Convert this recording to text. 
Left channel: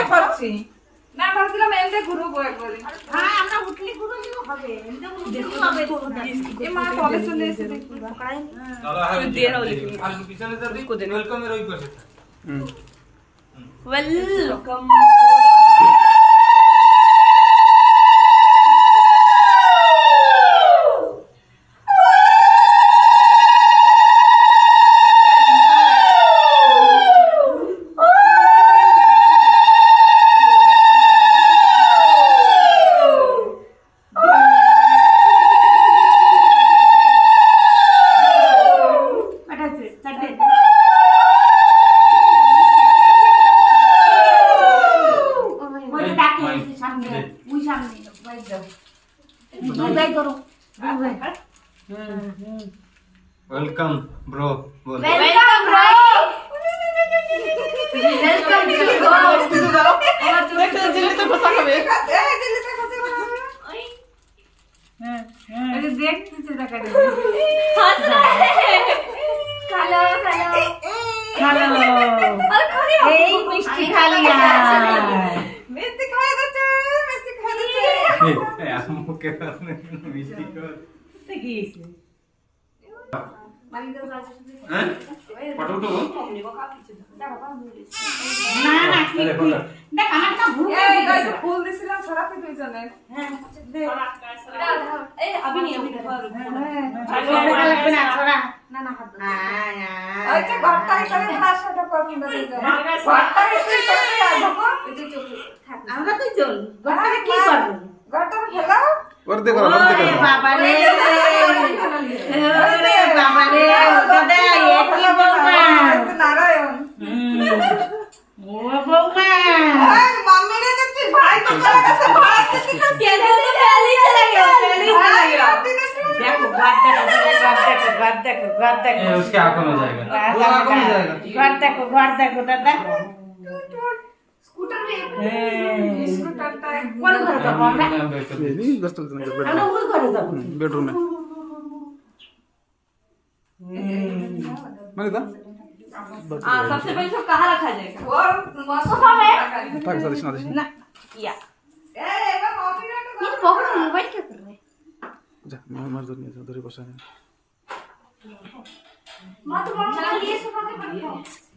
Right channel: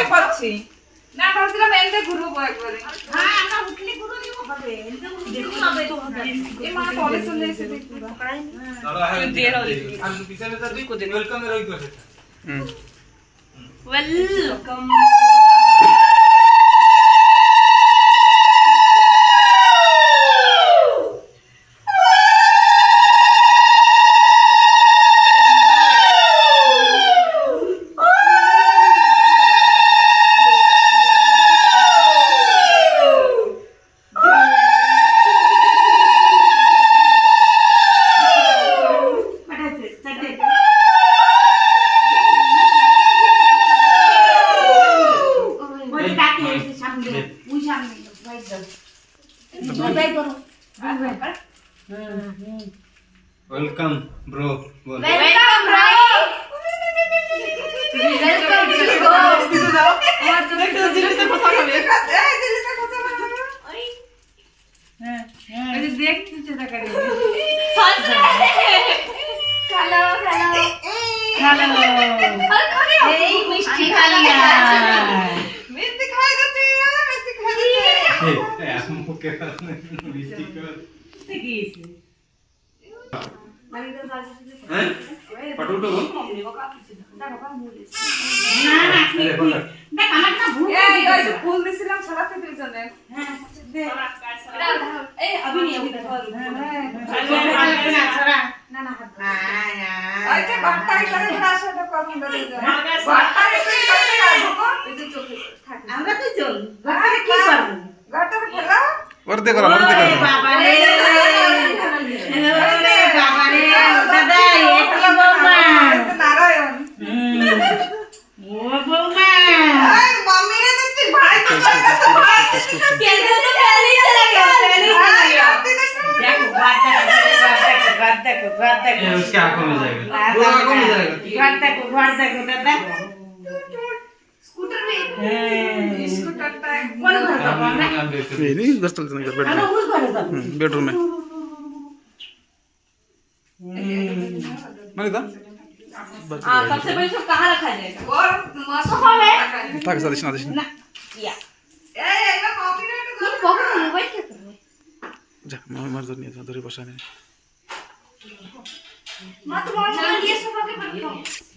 বুঝতে পারছি না ভাবছিলাম এন্ডে ঘুরবো একবারে হ্যাঁ আমরা উঠলে ঘুরে দিব হবে এন্ডে ঘুরতে হবে এ মা তলে চলে এসে দেখবা দাদা হবে দিয়ে দাও আর পিছনে তো ওয়েলকাম এর ওই পাশে welcome welcome bro welcome bro welcome bro और जो दिल्ली से फंसा है दिल्ली से फंसा है हां ये देख तुझे तक करे हेलो हेलो हेलो ए मिष्टी खा लिया मिष्टी खाए दे ए हमको के मिस्टी को देखिए मारी तो हैं फोटो उठो ना ना अरे पकड़ देख আমারটা ভুল এই গাইস ফুল দিছিলাম ছড়াতে পেছনে হ্যাঁ দে ए अभी नहीं अभी না না হাত আচ্ছা ঘরটাই করে ভাষাটা করুন ঘরটা একটু করতে আসবো এই যে চোখে থাক আমরা তো জন ঘরটা কি করব ঘরটা ফেলাও वर्दे करा बाबा रे ओरे बाबा रे दादा ये की बौमा नारायण ओ बौमा এই मम्मी रे দিচ্ছি ভাই তো চলে ভাই क्या तो पहले चला गया देखो गाता ये उसके आंखों में जाएगा वो आंखों में जाएगा गाता दादा स्कूटर में स्कूटरটা कौन घर का बौमा ये नहीं दस्तक से निकल हम वो घर का बेडरूम में माने दा सबसे पहले तो कहाँ रखा जाएगा और सोफा में ताके साथ ना ना या ए एका मम्मी रे तो ये पॉकेट में मोबाइल क्या कर रहे जा मार दो नहीं धरे बसा नहीं माँ तुम्हारा मोबाइल ये सोफा के पर रखो